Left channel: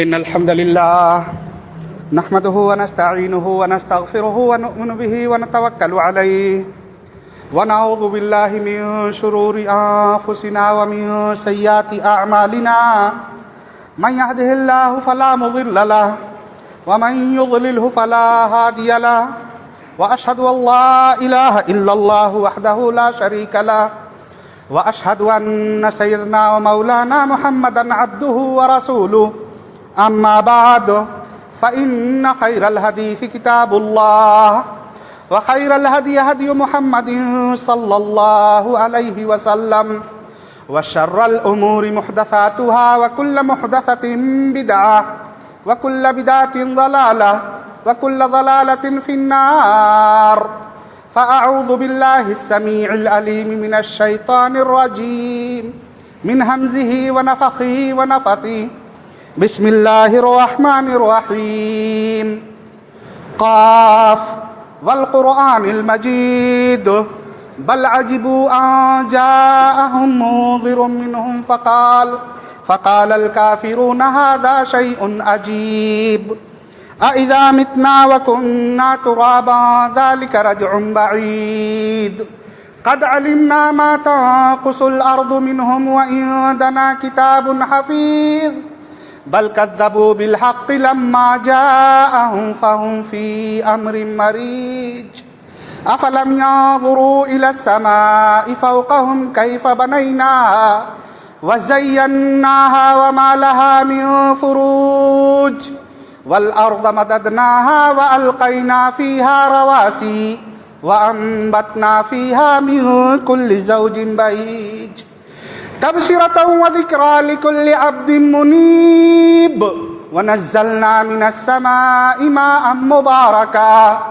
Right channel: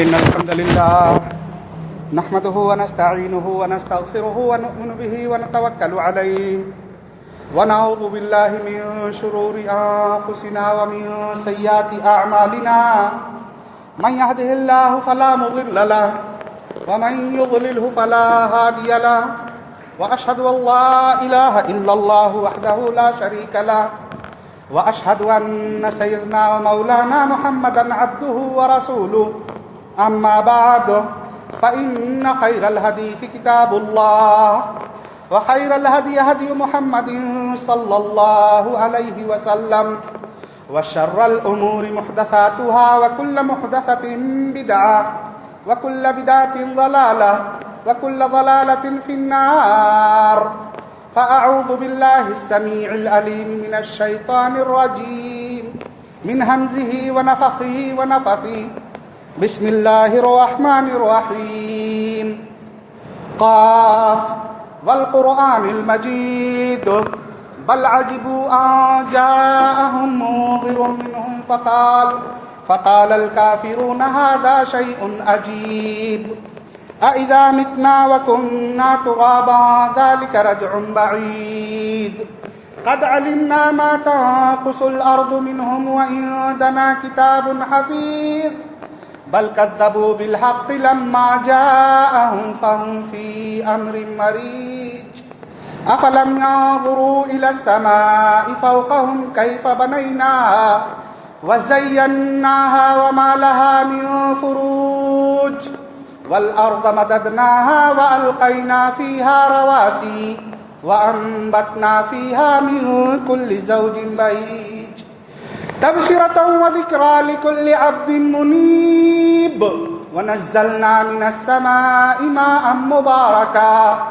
إن الحمد لله نحمده ونستعينه ونستغفره ونؤمن به ونتوكل عليه ونعوذ بالله من شرور أنفسنا ومن سيئات أعمالنا من يهده الله فلا مضل له ومن يضلله فلا هادي له وأشهد أن لا إله إلا الله وحده لا شريك له وأشهد أن سيدنا ومولانا محمدا عبده ورسوله أما بعد فإن خير الحديث كتاب الله وخير الهدي هدي محمد صلى الله عليه وسلم وشر الأمور محدثاتها وكل محدثة بدعة وكل بدعة ضلالة وكل ضلالة في النار فأعوذ بالله السميع العليم من الشيطان الرجيم من همزه ونفخه ونفثه بسم الله الرحمن الرحيم قاف والقرآن المجيد بل عجبوا أن جاءهم منذر منهم فقال الكافرون هذا شيء عجيب أإذا متنا وكنا ترابا ذلك رجع بعيد قد علمنا ما تنقص الأرض منهم وعندنا كتاب حفيظ بل كذبوا بالحق لما جاءهم فهم في أمر مريج أفلم ينظروا إلى السماء فوقهم كيف بنيناها وزيناها وما لها من فروج والأرض مددناها وألقينا فيها رواسي وأنبتنا فيها من كل زوج بهيج تبصرة وذكرى لكل عبد منيب ونزلنا من السماء ماء مباركا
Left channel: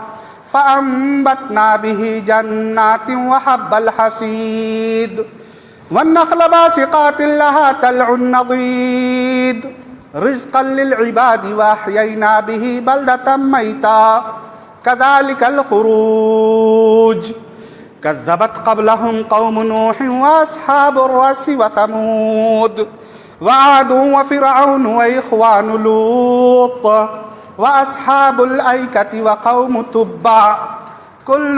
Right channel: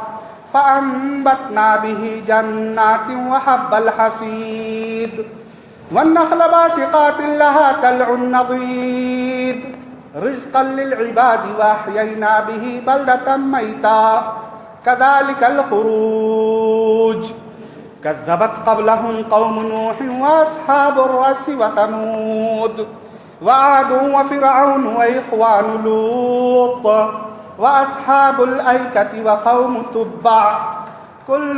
فأنبتنا به جنات وحب الحصيد والنخل باسقات لها طلع نضيد رزقا للعباد وأحيينا به بلدة ميتا كذلك الخروج كذبت قبلهم قوم نوح وأصحاب الرس وثمود وعاد وفرعون وإخوان لوط وأصحاب الأيكة وقوم تبع كل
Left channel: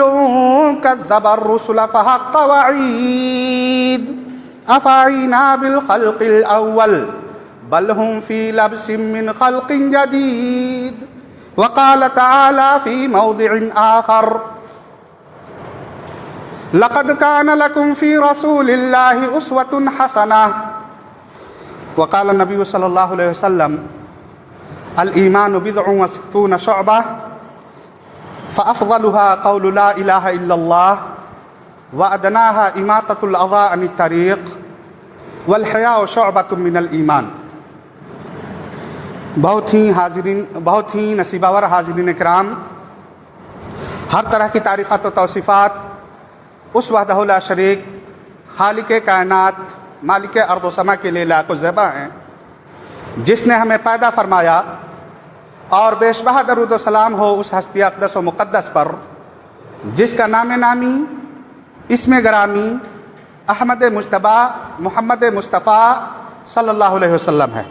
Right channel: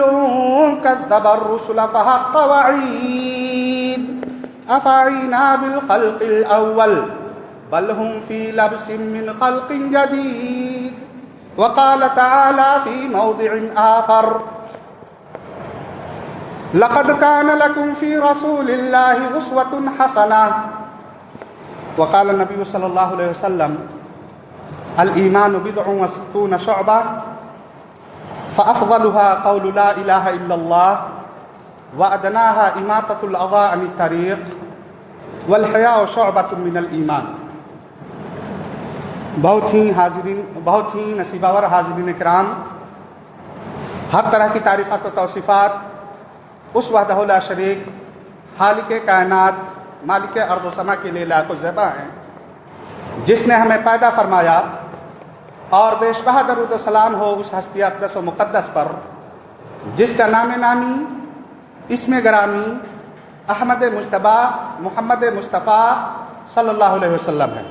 كذب الرسل فحق وعيد أفعينا بالخلق الأول بل هم في لبس من خلق جديد وقال تعالى في موضع آخر لقد كان لكم في رسول الله أسوة حسنة وقال النبي صلى الله عليه وسلم الإيمان بضع وستون شعبة فأفضلها قول لا إله إلا الله وأدناها إماطة الأذى عن الطريق والحياء شعبة من الإيمان بہت ہی نصیباور حاضرین کرام، ہر طرح کی تعریفات و توصیفات اس وحدہ لا شریک خالق کائنات مالک ارض و سما کے لیے لاق و زیبا ہیں، جس نے ہمیں پیدا فرمایا، اور بے شبہ درود و سلام ہو اس ہستی اقدس و مقدس پر جس کا نام نامی اسم گرامی احمد مجتبی محمد مصطفیٰ صلی اللہ علیہ وسلم ہے۔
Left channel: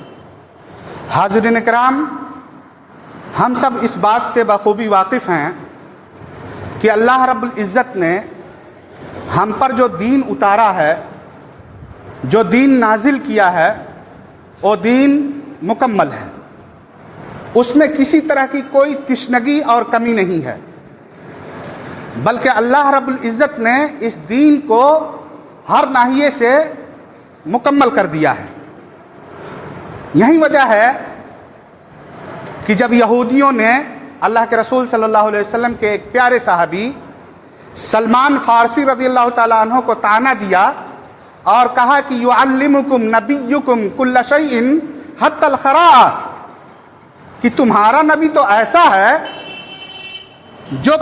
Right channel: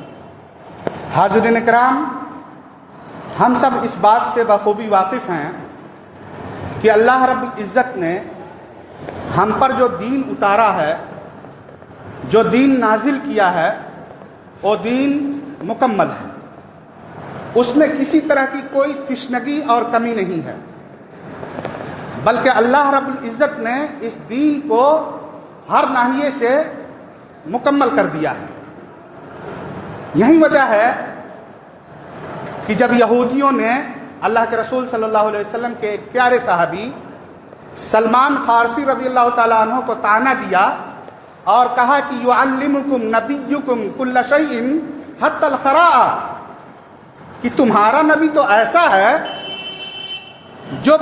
حاضرین کرام، ہم سب اس بات سے بخوبی واقف ہیں کہ اللہ رب العزت نے ہم پر جو دین اتارا ہے، جو دین نازل کیا ہے، وہ دین مکمل ہے، اس میں کسی طرح کی کوئی تشنگی اور کمی نہیں ہے، بلکہ اللہ رب العزت نے اس دین کو ہر ناحیے سے مکمل کر دیا ہے۔ یہی وجہ ہے کہ جب یہودیوں نے اللہ کے رسول صلی اللہ علیہ وسلم کے ایک پیارے صحابی سلمان فارسی رضی اللہ تعالیٰ عنہ کو طعنہ دیا اور کہا کہ یعلمکم نبیکم کل شیء حتی الخراء، کہ تمہارا نبی تو ایسا ہے جو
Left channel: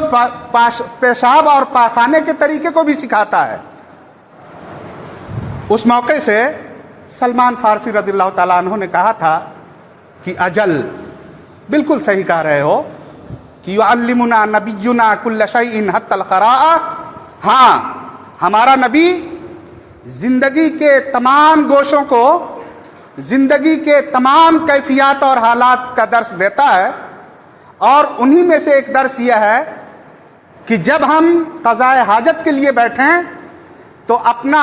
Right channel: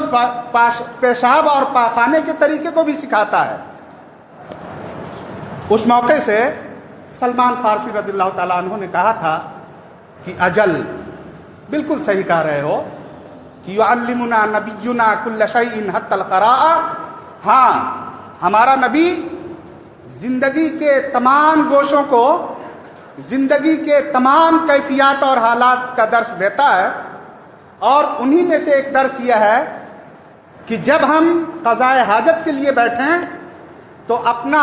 پیشاب اور پاخانے کے طریقے کو بھی سکھاتا ہے۔ اس موقع سے سلمان فارسی رضی اللہ تعالیٰ عنہ نے کہا تھا کہ اجل، بالکل صحیح کہہ رہے ہو کہ یعلمنا نبینا کل شیء حتی الخراء، ہاں ہمارا نبی زندگی کے تمام گوشوں کو زندگی کے تمام کیفیات اور حالات کا درس دیتا ہے، اور انہی میں سے ایک درس یہ ہے کہ جب ہم قضائے حاجت کے لیے بیٹھیں تو اپنا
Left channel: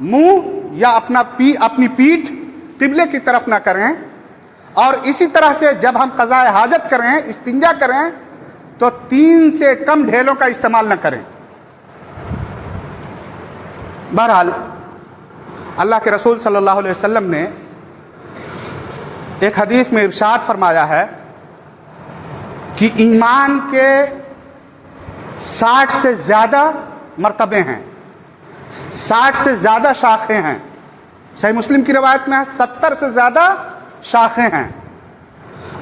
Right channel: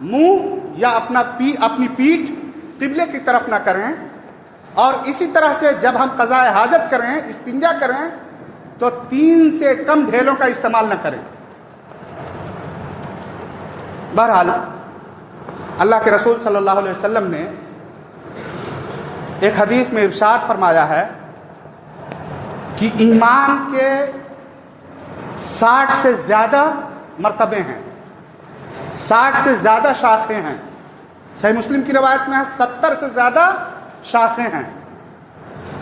منہ یا اپنی پیٹھ قبلے کی طرف نہ کریں، اور اسی طرح سے جب ہم قضائے حاجت کریں، استنجا کریں، تو 3 سے کم ڈھیلوں کا استعمال نہ کریں۔ بہرحال اللہ کے رسول صلی اللہ علیہ وسلم نے ایک حدیث میں ارشاد فرمایا ہے کہ ایمان کے 60 سے زیادہ مرتبے ہیں، 60 سے زیادہ شاخیں ہیں۔ صحیح مسلم کی روایت میں 70 سے زیادہ شاخیں ہیں۔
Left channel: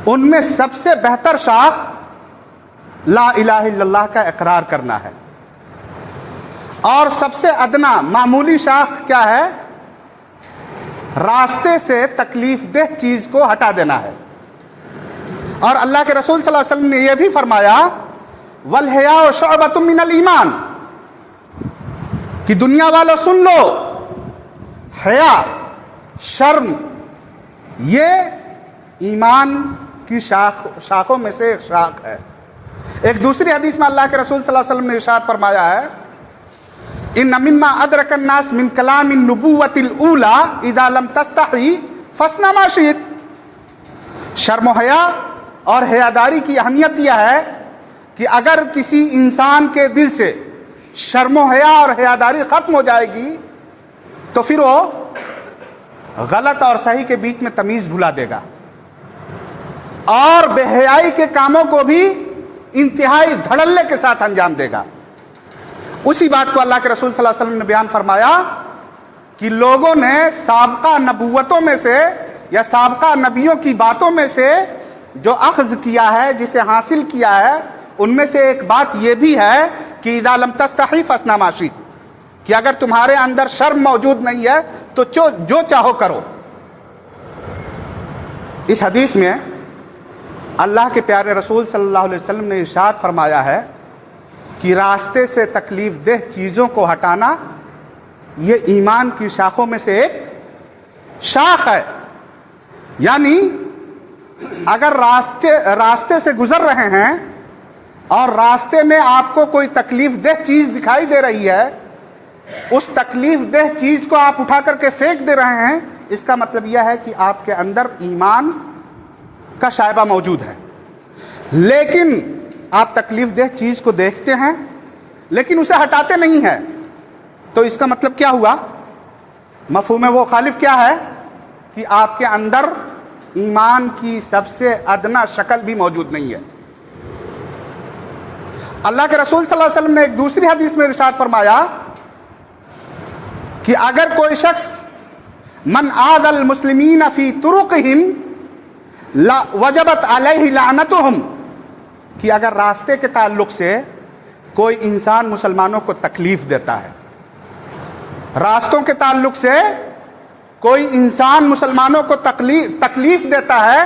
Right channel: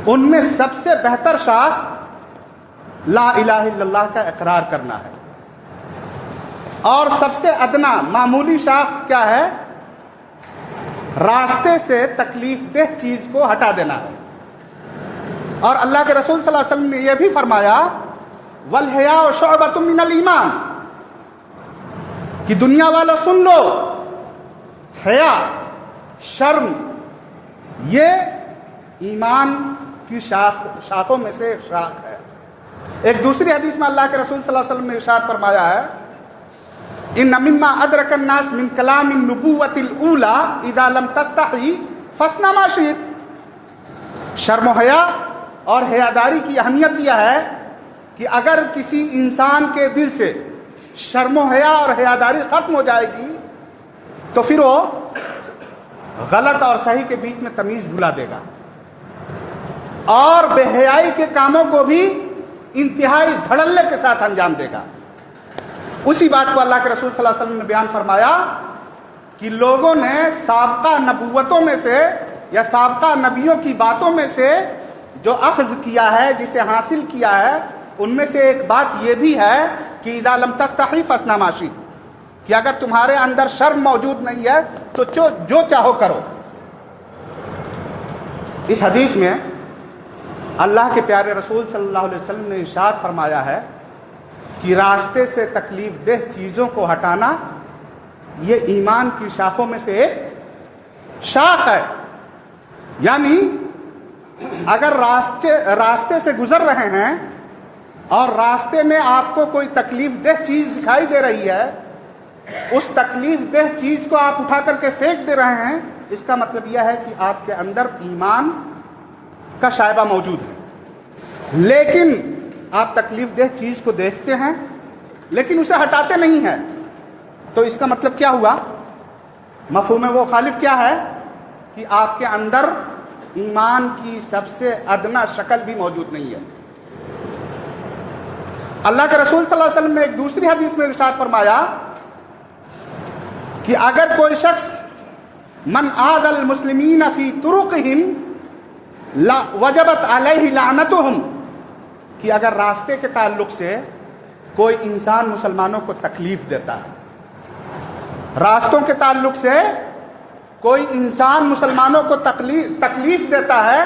ان میں سب سے بہتر شاخ لا الہ الا اللہ کا اقرار کرنا ہے، اور سب سے ادنا معمولی شاخ کیا ہے؟ راستے سے تکلیف دہ چیز کو ہٹا دینا ہے۔ اور اللہ کے رسول صلی اللہ علیہ وسلم نے یہ بھی فرمایا وَالْحَيَاءُ شُعْبَةٌ مِّنَ الْإِيمَانِ، کہ دنیا والوں سن لو، حیا، شرم، یہ ایمان کی شاخوں میں سے ایک شاخ ہے۔ ایک دوسری حدیث میں اللہ کے رسول صلی اللہ علیہ وسلم نے ارشاد فرمایا ہے ان مما ادرک الناس من کلام النبوۃ الاولی اذا لم تستحی فاصنع ما شئت۔ شرم و حیا اور حیاداری کی اہمیت یہ ہے کہ اگر کسی انسان کے دل سے شرم و حیا اور حیاداری ختم ہو جائے گی تو پھر وہ غلط اور صحیح کے بیچ میں تمیز بھلا دے گا، اور بے حیائی کے کاموں کو بھی انتہائی دھڑلے کے ساتھ انجام دے گا۔ اسی بات کو اللہ کے رسول صلی اللہ علیہ وسلم نے بیان فرمایا کہ لوگوں نے سابقہ نبوتوں میں سے یا سابقہ نبیوں کی باتوں میں سے جو اخذ کیا ہے، جسے حاصل کیا ہے، ان میں سے ایک بات یہ بھی ہے کہ اذا لم تستحی فاصنع ما شئت، کہ اگر تمہارے اندر شرم موجود نہیں ہے تو جو چاہو کرو۔ اس حدیث میں اللہ کے پیارے رسول صلی اللہ علیہ وسلم نے ارشاد فرمایا ہے کہ راستے سے تکلیف دہ چیزوں کو ہٹانا یہ ایمان کی شاخوں میں سے ایک شاخ ہے۔ یعنی اگر راستے سے گزر رہے ہیں اور راستے میں آپ کو کوئی تکلیف دہ چیز دکھائی دے رہی ہے، اس تکلیف دہ چیز کو آپ اٹھا کر کے پھینک دے رہے ہیں، اس کا مطلب یہ ہے کہ آپ کے اندر ایمان کا شائبہ موجود ہے۔ لیکن آپ تکلیف دہ چیز کو دیکھتے ہیں لیکن اسے ہٹاتے نہیں ہیں، تو اس کا مطلب کیا ہوا؟ مفہوم وہ خالف کیا ہے کہ آپ کے اندر ایمان کی سب سے ادنا شکل بھی موجود نہیں ہے۔ اللہ کے رسول صلی اللہ علیہ وسلم نے ایک دوسری حدیث میں ارشاد فرمایا کہ اگر کوئی شخص من آذ المسلمین فی طرقہم وجبت علیہ لعنتہم، کہ اگر راستے کے تعلق سے کوئی انسان مسلمانوں کو تکلیف دیتا ہے، راستوں کے تعلق سے کوئی انسان مسلمانوں کو تکلیف دیتا ہے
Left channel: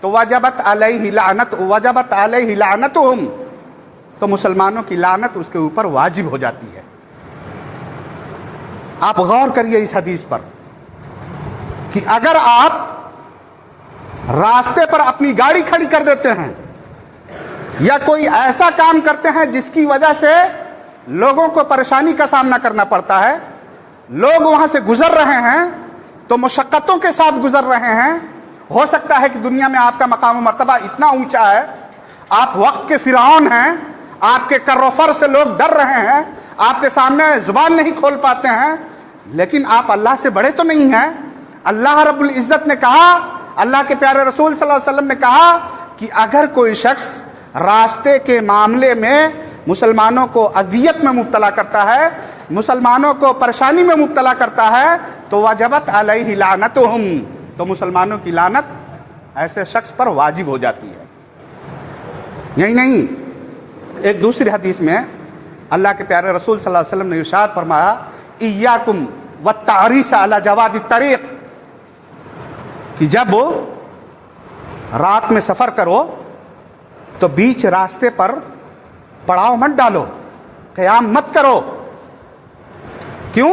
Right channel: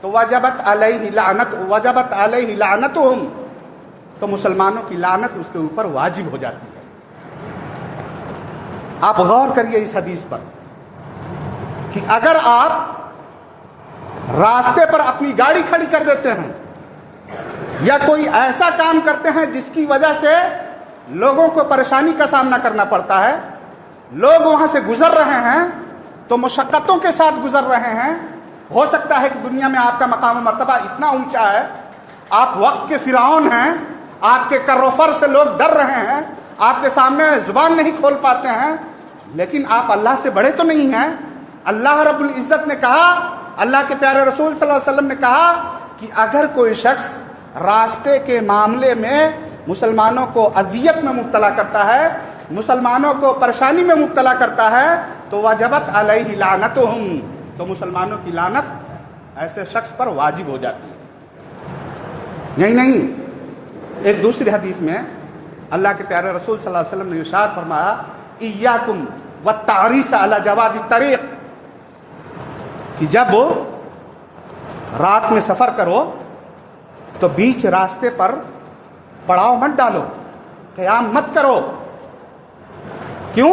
تو وجبت علیہ لعنتہم، تو مسلمانوں کی لعنت اس کے اوپر واجب ہو جاتی ہے۔ آپ غور کریے اس حدیث پر کہ اگر آپ راستے پر اپنی گاڑی کھڑی کر دیتے ہیں یا کوئی ایسا کام کرتے ہیں جس کی وجہ سے لوگوں کو پریشانی کا سامنا کرنا پڑتا ہے، لوگ وہاں سے گزر رہے ہیں تو مشقتوں کے ساتھ گزر رہے ہیں، ہو سکتا ہے کہ دنیا میں آپ کا مقام و مرتبہ اتنا اونچا ہے، آپ وقت کے فرعون ہیں، آپ کے کر و فر سے لوگ ڈر رہے ہیں، آپ کے سامنے زبان نہیں کھول پاتے ہیں، لیکن آپ اللہ سے بڑے تو نہیں ہیں۔ اللہ رب العزت نے کہا، اللہ کے پیارے رسول صلی اللہ علیہ وسلم نے کہا کہ اگر کوئی شخص راستے کے معاملے میں مسلمانوں کو اذیت میں مبتلا کرتا ہے، مسلمانوں کو پریشانی میں مبتلا کرتا ہے، تو وجبت علیہ لعنتہم، تو مسلمانوں کی لعنت ایسے شخص پر واجب ہو جاتی ہے۔ یہی نہیں، ایک دوسری حدیث میں اللہ کے پیارے رسول صلی اللہ علیہ وسلم نے ارشاد فرمایا ایاکم والتعریس علی جواد الطریق، کہ جب رات میں سفر کرو تو بیچ راستے پر پڑاؤ مت ڈالو، قیام مت کرو۔ کیوں؟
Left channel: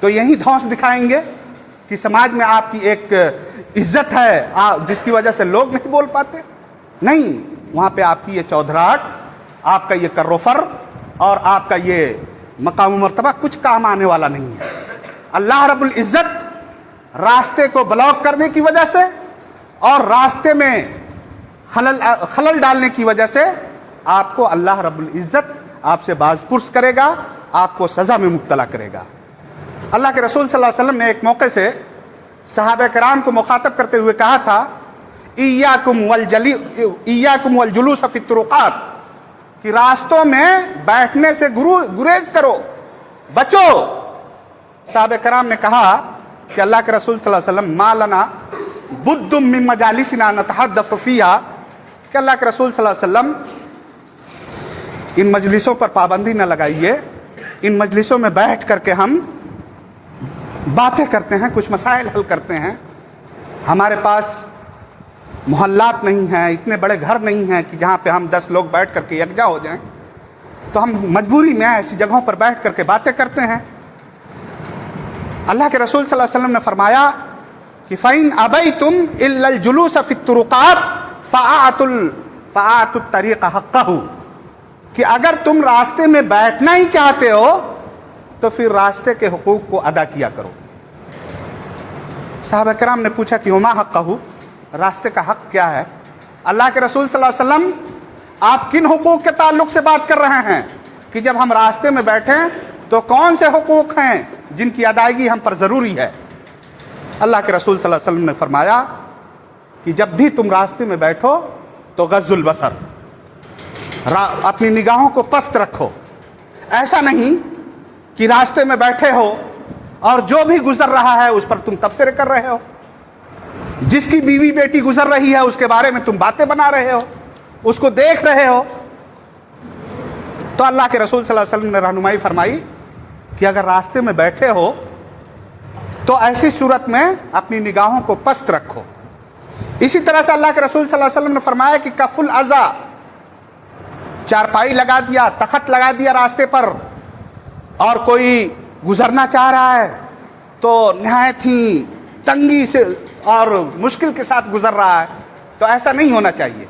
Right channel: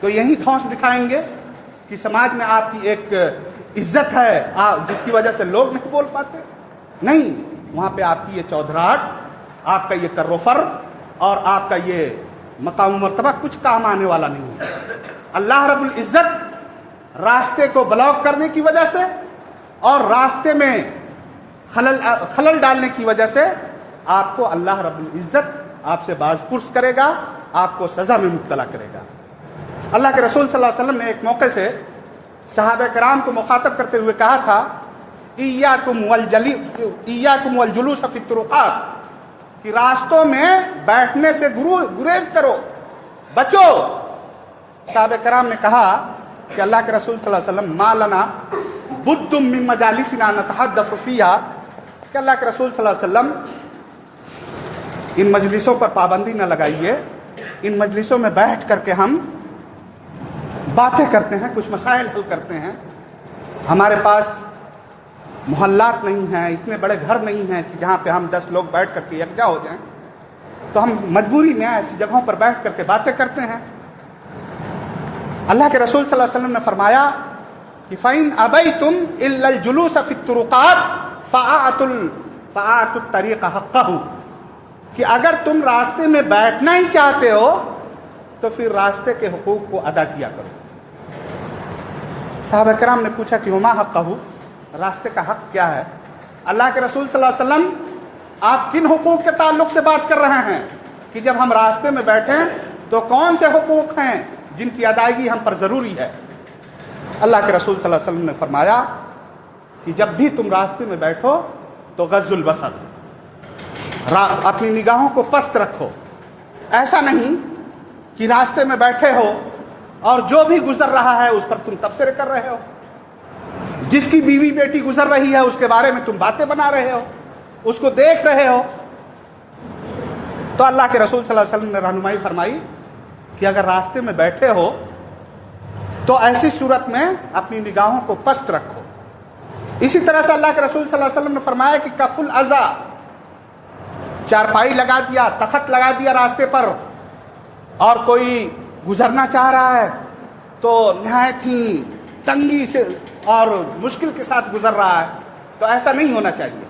تو یہی دھوس دکھائیں گے کہ سماج میں آپ کی ایک عزت ہے جس کی وجہ سے لوگ نہیں بول پاتے؟ نہیں، وہاں پہ آپ کی یہ چودھراہٹ، آپ کا یہ کر و فر اور آپ کا یہ مقام و مرتبہ کچھ کام آنے والا نہیں ہے۔ اللہ رب العزت راستے کو بلاک کرنے کی وجہ سے اور راستے میں خلل ڈالنے کی وجہ سے آپ کو اللہ رب العزت آپ سے باز پرس کرے گا، آپ کو سزا میں مبتلا کرے گا۔ اللہ کے رسول صلی اللہ علیہ وسلم نے ایک موقع سے صحابہ کرام کو مخاطب کرتے ہوئے کہا تھا، ایاکم والجلوس فی الطرقات، کہ راستوں میں بیٹھنے سے گریز کرو، بچو۔ صحابہ کرام نے کہا کہ اللہ کے رسول صلی اللہ علیہ وسلم ما لنا بد من مجالسنا نتحدث فیہا، کہ اللہ کے رسول صلی اللہ علیہ وسلم ان مجلسوں پر پابندی نہ لگائیے، ان مجلسوں میں بیٹھ کر کے ہم باتیں کرتے ہیں، کچھ مسائل حل کرتے ہیں، ہمارے پاس محلات نہیں ہیں، اتنے بڑے گھر نہیں ہیں کہ جہاں پہ ہم 10 لوگ بیٹھ کر کے یکجا ہو جائیں، تو ہم مجبوری میں ایسی جگہوں پر بیٹھ کر کے باتیں کرتے ہیں۔ اللہ کے رسول صلی اللہ علیہ وسلم نے فرمایا کہ فَإِنْ أَبَيْتُمْ إِلَّا الْجُلُوسَ فِي الطُّرُقَاتِ فَآتُوا الطَّرِيقَ حَقَّهُ، کہ اگر تم راستے میں بیٹھنا ہی چاہتے ہو تو پھر راستے کے حقوق کو ادا کیا کرو۔ صحابہ کرام نے پوچھا کہ وما حقہ، راستے کا حق کیا ہے؟ اللہ کے رسول صلی اللہ علیہ وسلم آپ کن حقوق کے تعلق سے بات کر رہے ہیں کہ جب ہم راستے میں بیٹھیں تو کون سے حقوق ہیں جن کی ادائیگی ہم پر ضروری ہے؟ اللہ کے رسول صلی اللہ علیہ وسلم نے فرمایا کہ جب بھی تم راستے میں بیٹھو تو غض البصر، اپنی نگاہوں کو پست رکھو۔ ایسا نہیں کہ راستے میں بیٹھے ہو اور جو بھی گزر رہا ہے اس پر تم تبصرے کر رہے ہو، جس کی بیوی بیٹی گزر رہی ہے اس کے بارے میں تم باتیں بنا رہے ہو، اس کو دیکھ رہے ہو۔ تو اللہ کے رسول صلی اللہ علیہ وسلم نے رہنمائی فرمائی کہ اگر راستے میں بیٹھے ہو تو ایسی صورت میں اپنی نگاہوں کو پست رکھو۔ اسی طرح سے اللہ کے رسول صلی اللہ علیہ وسلم نے فرمایا کہ کف الاذی، چارپائی لگا دیا، تخت لگا دیا راستے پر، اور کوئی گزرنا چاہ رہا ہے تو نہایت ہی تنگی سے اور مشکل کے ساتھ گزر رہا ہے، تو ایسا نہیں ہونا چاہیے۔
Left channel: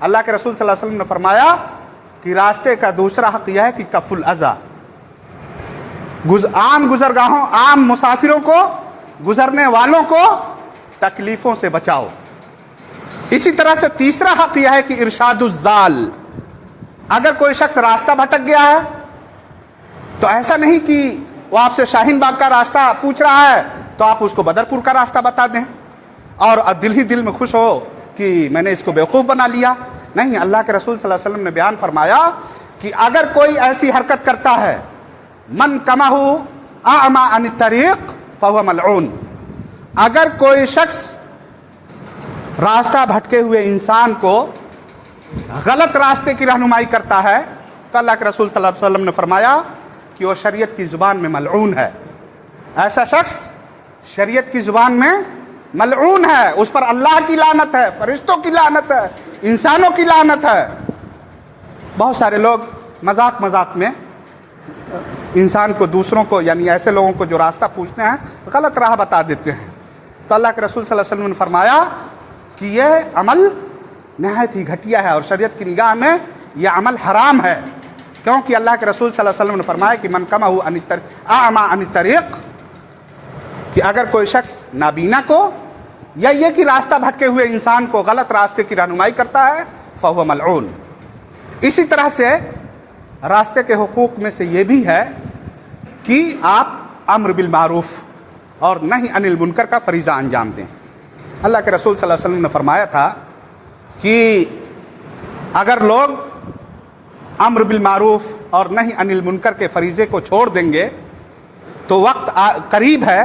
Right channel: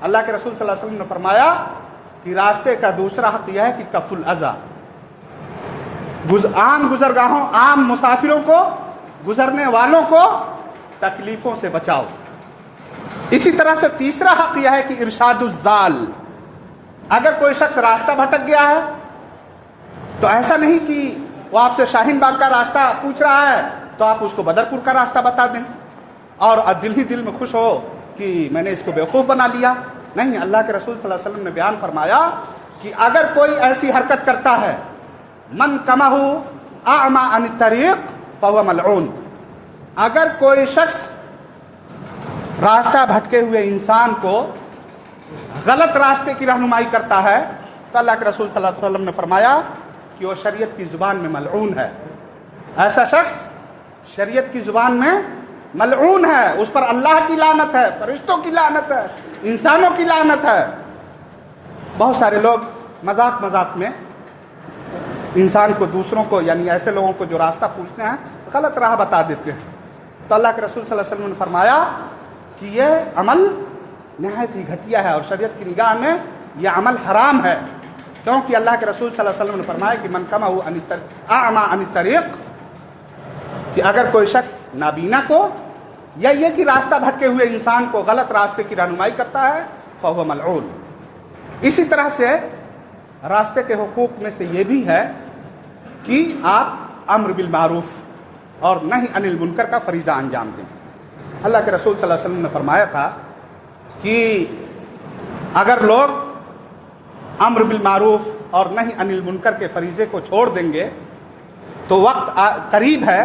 اللہ کے رسول صلی اللہ علیہ وسلم نے فرمایا کہ راستے کا دوسرا حق یہ ہے کہ کف الاذی، عام گزرگاہوں، عام مسافروں کو، گزرنے والوں کو تکلیفوں سے بچاؤ۔ اسی طرح سے تیسرا حق یہ ہے کہ ارشاد الضال، اگر کوئی شخص راستہ بھٹک گیا ہے تو ایسا نہیں کہ وہ آپ سے شاہین باغ کا راستہ پوچھ رہا ہے تو آپ اس کو بدرپور کا راستہ بتا دیں اور دل ہی دل میں خوش ہو کہ میں نے اس کو بیوقوف بنا لیا۔ نہیں، اللہ کے رسول صلی اللہ علیہ وسلم نے بیان فرمایا کہ اگر کوئی ایسی حرکت کرتا ہے، من کمہ اعمی عن الطریق فہو ملعون، اگر کوئی شخص راستہ بھٹکے ہوئے انسان کو غلط راستے کی رہنمائی کرتا ہے تو اللہ کے رسول صلی اللہ علیہ وسلم نے فرمایا کہ وہ شریعت کی زبان میں ملعون ہے۔ ایسا شخص شریعت کی زبان میں ملعون ہے، اس پر اللہ کی لعنت ہے، فرشتوں کی لعنت ہے، انسانوں کی لعنت ہے۔ بہت سارے لوگ مذاق میں انسان کو، دوسروں کو، یعنی ایسے لوگوں کو جو راستہ پوچھتے ہیں، غلط راہ بتا دیتے ہیں۔ تو اللہ کے رسول صلی اللہ علیہ وسلم نے فرمایا کہ یہ عمل نہایت ہی گھٹیا ہے اور شریعت کی نگاہ میں یہ عمل حرام ہے، کیونکہ اللہ کے رسول صلی اللہ علیہ وسلم نے فرمایا کہ من کمہ اعمی عن الطریق، کہ اگر کوئی شخص نابینا کو یا یہ کہ راستہ بھٹکے ہوئے انسان کو غلط راستے کی رہنمائی کرتا ہے فہو ملعون۔ اسی طرح سے راستے کے حقوق میں سے یہ بھی ہے کہ آپ امر بالمعروف اور نہی عن المنکر کا فریضہ انجام دیں۔ اللہ کے رسول صلی اللہ علیہ وسلم نے فرمایا تھا کہ اگر لوگ امر بالمعروف اور نہی عن المنکر کے فریضے کو چھوڑ دیں گے تو وقت قریب ہے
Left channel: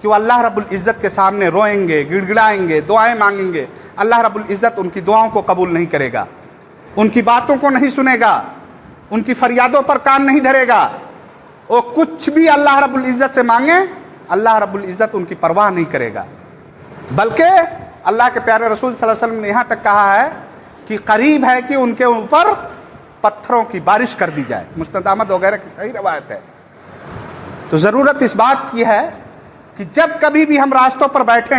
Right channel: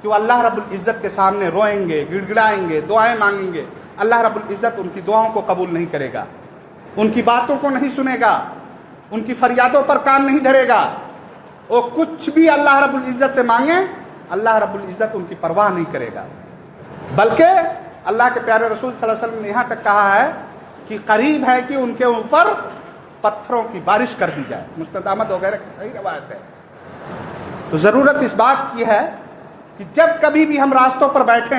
کہ وہ اللہ رب العزت کے سامنے روئیں گے، گڑ گڑائیں گے، دعائیں مانگیں گے۔ اللہ رب العزت ان کی دعاؤں کو قبول نہیں کرے گا، ان کی باتوں کو نہیں سنے گا، ان کی فریادوں پر کان نہیں دھرے گا۔ وہ کچھ بھی اللہ رب العزت سے مانگیں، اللہ رب العزت ان کی پرواہ نہیں کرے گا، بلکہ اللہ کے پیارے رسول صلی اللہ علیہ وسلم نے یہاں تک کہا ہے کہ قریب ہے کہ ان کے اوپر پتھروں کی بارش کر دی جائے۔ مستند احمد وغیرہ کی صحیح روایت ہے۔ تو ضرورت اس بات کی ہے کہ جب کبھی بھی ہم راستوں پر بیٹھیں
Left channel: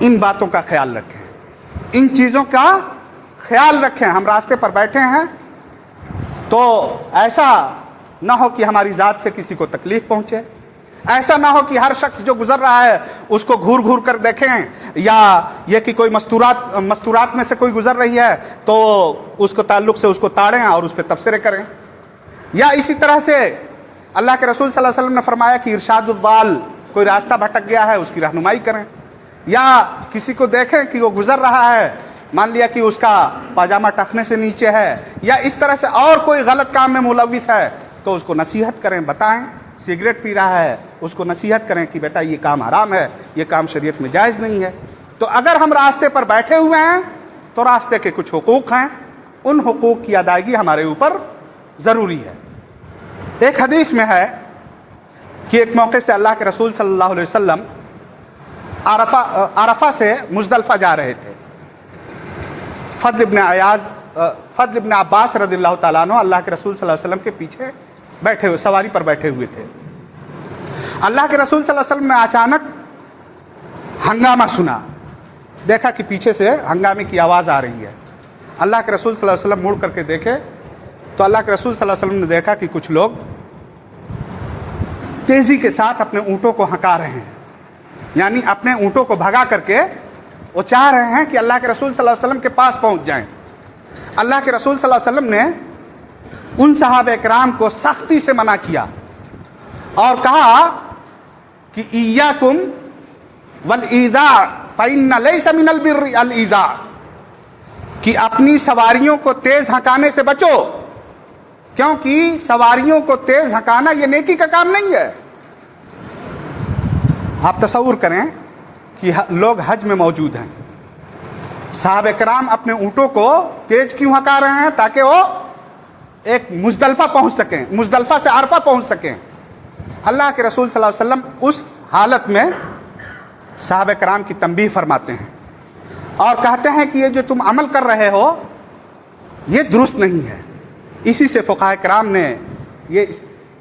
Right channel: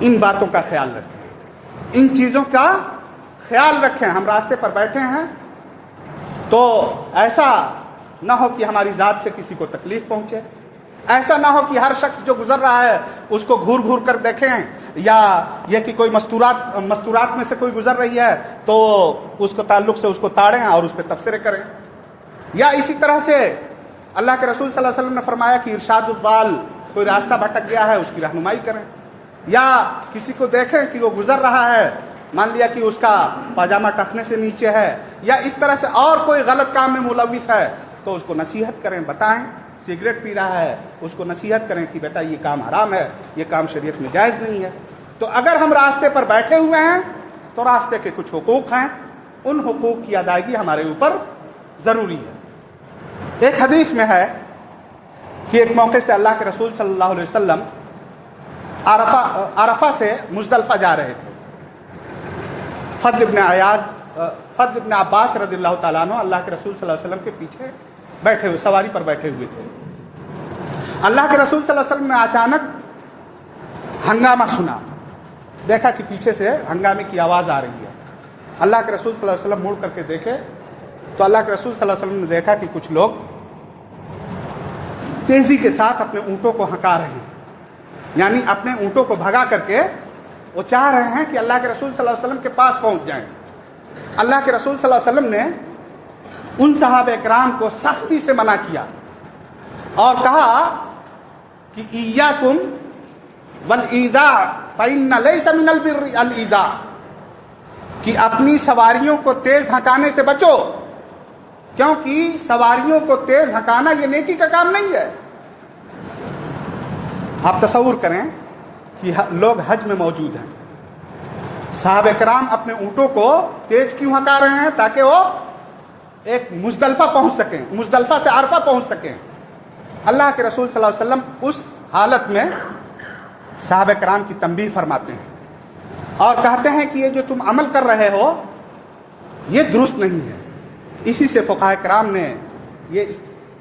ان باتوں کا خیال رکھیں، ان چیزوں کا خیال رکھیں۔ ہم راستے پر بیٹھے ہیں تو ایسا نہ ہو کہ ہماری ذات سے کسی کو تکلیف پہنچے، ایسا نہ ہو کہ ہر شخص جو گزر رہا ہے اس کو گھور گھور کر دیکھیں، یا یہ کہ کوئی مستورات میں سے کوئی گزر رہی ہے تو اس کو تعلق سے اس کو تاڑیں اور اس پہ تبصرے کریں، یا اسی طرح سے اللہ کے رسول صلی اللہ علیہ وسلم نے فرمایا کہ ارشاد الضال، کوئی راستہ بھٹک گیا ہے اس کی رہنمائی کریں، یا کسی کو دیکھیں کہ وہ گزر رہا ہے، مان لیا کہ اس کا پاجامہ ٹخنے سے نیچے ہے یا اس طرح سے اور کوئی غلط کام میں ملوث ہے تو اس کو نصیحت کریں، بتائیں۔ سگریٹ پی رہا ہے اس کو نصیحت کریں کہ بیٹا یہ کام حرام ہے، یہ کام شریعت میں جائز نہیں ہے۔ تو اگر ہم راستے پر بیٹھے ہوئے ہیں تو راستے کے کچھ حقوق ہیں، ان حقوق کی ادائیگی ہمارے اوپر ضروری ہے۔ ایک حدیث میں ہے کہ ایک موقع سے اللہ کے رسول صلی اللہ علیہ وسلم عرفہ سے مزدلفہ جا رہے تھے۔ فضل ابن عباس رضی اللہ تعالیٰ عنہ اللہ کے رسول صلی اللہ علیہ وسلم کے پیچھے بیٹھے ہوئے، سواری پر بیٹھے ہوئے تھے۔ اللہ کے رسول صلی اللہ علیہ وسلم نے اچانک ہنگامہ سنا، دیکھا کہ پیچھے سے ہنگامے کی آواز آ رہی ہے۔ اللہ کے رسول صلی اللہ علیہ وسلم مڑ کر کے دیکھے تو اللہ کے رسول صلی اللہ علیہ وسلم نے دیکھا کہ کچھ لوگ تیزی کے ساتھ اپنے اونٹوں کو ہکا رہے ہیں، یعنی اپنے اونٹوں کو بھگا کر کے وہ چاہ رہے ہیں کہ اللہ کے رسول صلی اللہ علیہ وسلم کے پاس پہنچ جائیں۔ اللہ کے رسول صلی اللہ علیہ وسلم نے ان صحابہ کرام کو سختی سے منع کیا اور کہا کہ ایاکم والایذاء فإن ليس من البر الایذاء، کہ اپنی سواریوں کو تیز ہکانے سے بچو، کیونکہ سواریوں کو تیز ہکانا یہ نیکی کا کام نہیں ہے۔ آپ تصور کریں کہ لوگ حج میں موجود ہیں، صحابہ کرام اپنے اونٹوں کو تیز کیوں ہکا رہے ہیں؟ تاکہ وہ ایک مزدلفہ پہنچ سکیں، مزدلفہ سے عرفہ پہنچ سکیں۔ اللہ کے رسول صلی اللہ علیہ وسلم اس حالت میں صحابہ کرام کی تنبیہ فرماتے ہیں اور کہتے ہیں کہ یہ جو تم عمل کر رہے ہو یہ درست نہیں ہے۔ اسی سے فقہاء کرام نے یہ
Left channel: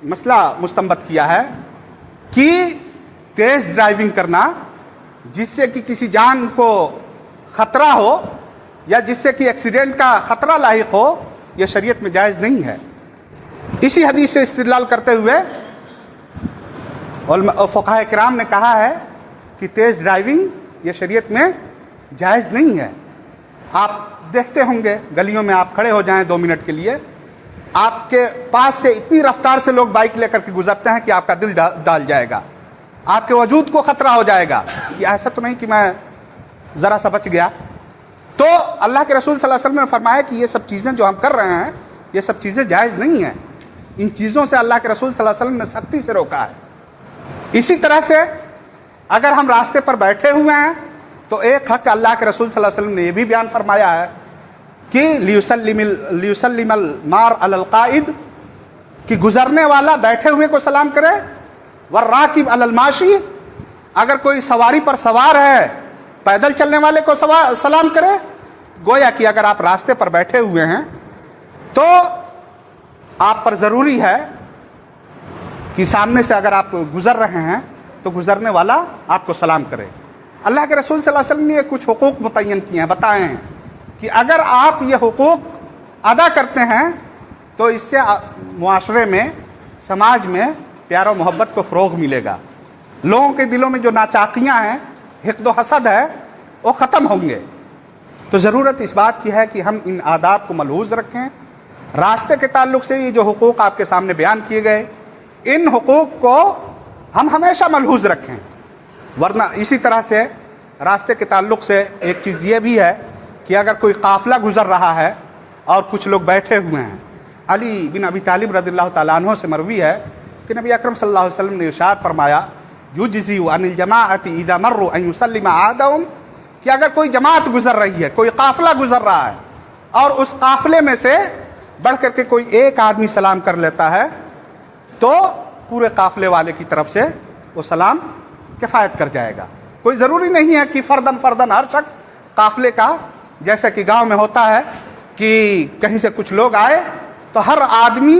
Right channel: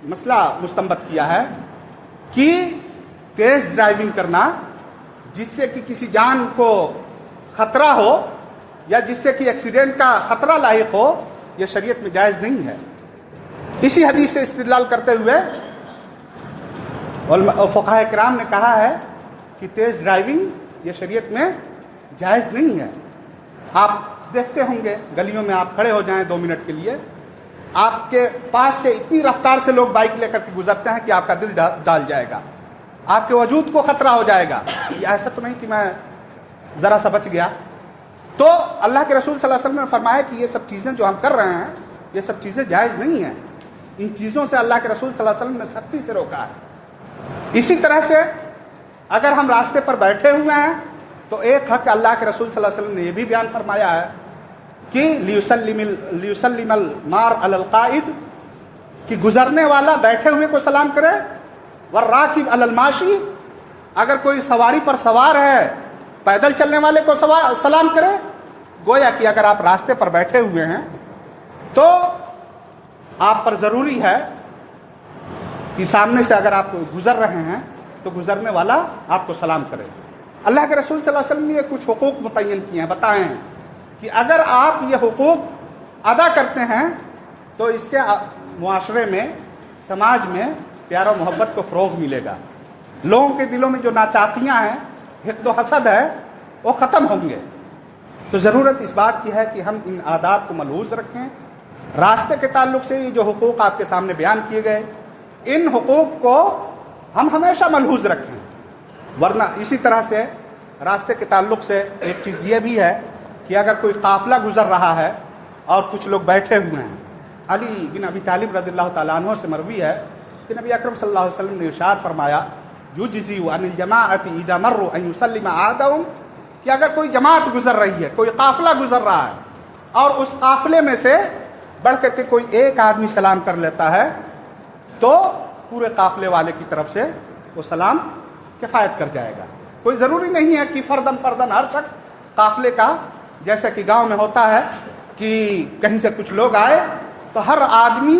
مسئلہ مستنبط کیا ہے کہ تیز ڈرائیونگ کرنا جس سے کہ کسی جان کو خطرہ ہو یا جس سے کہ ایکسیڈنٹ کا خطرہ لاحق ہو، یہ شریعت میں جائز نہیں ہے۔ اسی حدیث سے استدلال کرتے ہوئے فقہاء کرام نے کہا ہے کہ تیز ڈرائیونگ یہ شریعت میں جائز نہیں ہے۔ آپ دیکھتے ہوں گے گلیوں میں آپ کھڑے ہو جائیں 2 منٹ کے لیے، آپ کے پاس سے اتنی رفتار سے لوگ بائک لے کر کے گزرتے ہیں کہ آپ کا دل ڈال جائے گا، آپ کے وجود کو خطرہ ہو جائے گا۔ یہ ایسا تو نہیں کہ میں ذرا سا بچ گیا۔ تو اللہ کے رسول صلی اللہ علیہ وسلم نے فرمایا کہ یہ سب چیزیں جو ہم کر رہے ہیں یہ سب چیزیں جائز نہیں ہیں، ان چیزوں سے اللہ کے رسول صلی اللہ علیہ وسلم نے سختی سے روکا ہے۔ اسی طرح سے اگر ہم راستے پر بیٹھے ہوئے ہیں تو ایک حق اللہ کے رسول صلی اللہ علیہ وسلم نے یہ بھی بیان فرمایا ہے کہ لیسلم المار علی القائد، کہ گزرنے والا بیٹھے ہوئے کو سلام کرے، والراکب علی الماشی، اگر کوئی سواری پر سوار ہے پیدل چلنے والے کو سلام کرے۔ گویا کہ اگر آپ راستے پر بیٹھے ہوئے ہیں تو آپ پر ضروری ہے کہ سامنے سے اگر آپ گزر رہے ہیں تو گزرنے والا آپ کو سلام کرے۔ اللہ کے رسول صلی اللہ علیہ وسلم نے کچھ حقوق متعین کیے ہیں، بتائے ہیں کہ اگر آپ یہ حقوق ادا کرتے ہیں تو اس سے معاشرے میں، سماج میں پیار و محبت کو فروغ ملے گا، لوگوں کے دلوں میں جو ناچاقیاں ہیں، حقد و حسد ہے، وہ ختم ہوں گے۔ تو ضرورت اس بات کی ہے کہ ہم ان عادات کو ملحوظ رکھیں۔ راستے کے تعلق سے یہ جو حقوق آپ کے سامنے بیان کیے گئے، ان حقوق کو ہم ہمیشہ ملحوظ رکھیں، ورنہ اسی طرح سے راستے کے تعلق سے ایک چیز یہ بھی ہے کہ اگر کوئی قافلہ گزر رہا ہے اور کچھ لوگ بیٹھے ہوئے ہیں، علی بن ابی طالب رضی اللہ تعالیٰ عنہ سے مروی ہے کہ نبی اکرم صلی اللہ علیہ وسلم نے ارشاد فرمایا یجزی عن الجماعۃ اذا مروا ان یسلم احدهم، کہ اگر کوئی جماعت گزر رہی ہے، کوئی قافلہ گزر رہا ہے اور اس قافلے میں سے بڑھ کر کے کوئی ایک آدمی سلام کر لیتا ہے تو پورے قافلے والے کی طرف سے وہ سلام کفایت کر جائے گا۔ کوئی ضروری نہیں ہے کہ فردن ہر شخص قافلے کا، جیسا کہ گاؤں میں ہوتا ہے کہ کہیں سے کچھ لوگ آئے تو ہر آدمی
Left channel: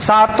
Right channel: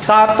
7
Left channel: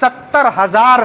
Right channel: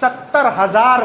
70,000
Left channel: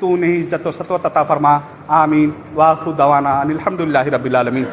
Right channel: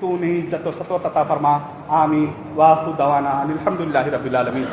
تو انہیں عزت و سطوت عطا فرما. آمین. وآخر دعوانا ان الحمدللہ رب العالمین.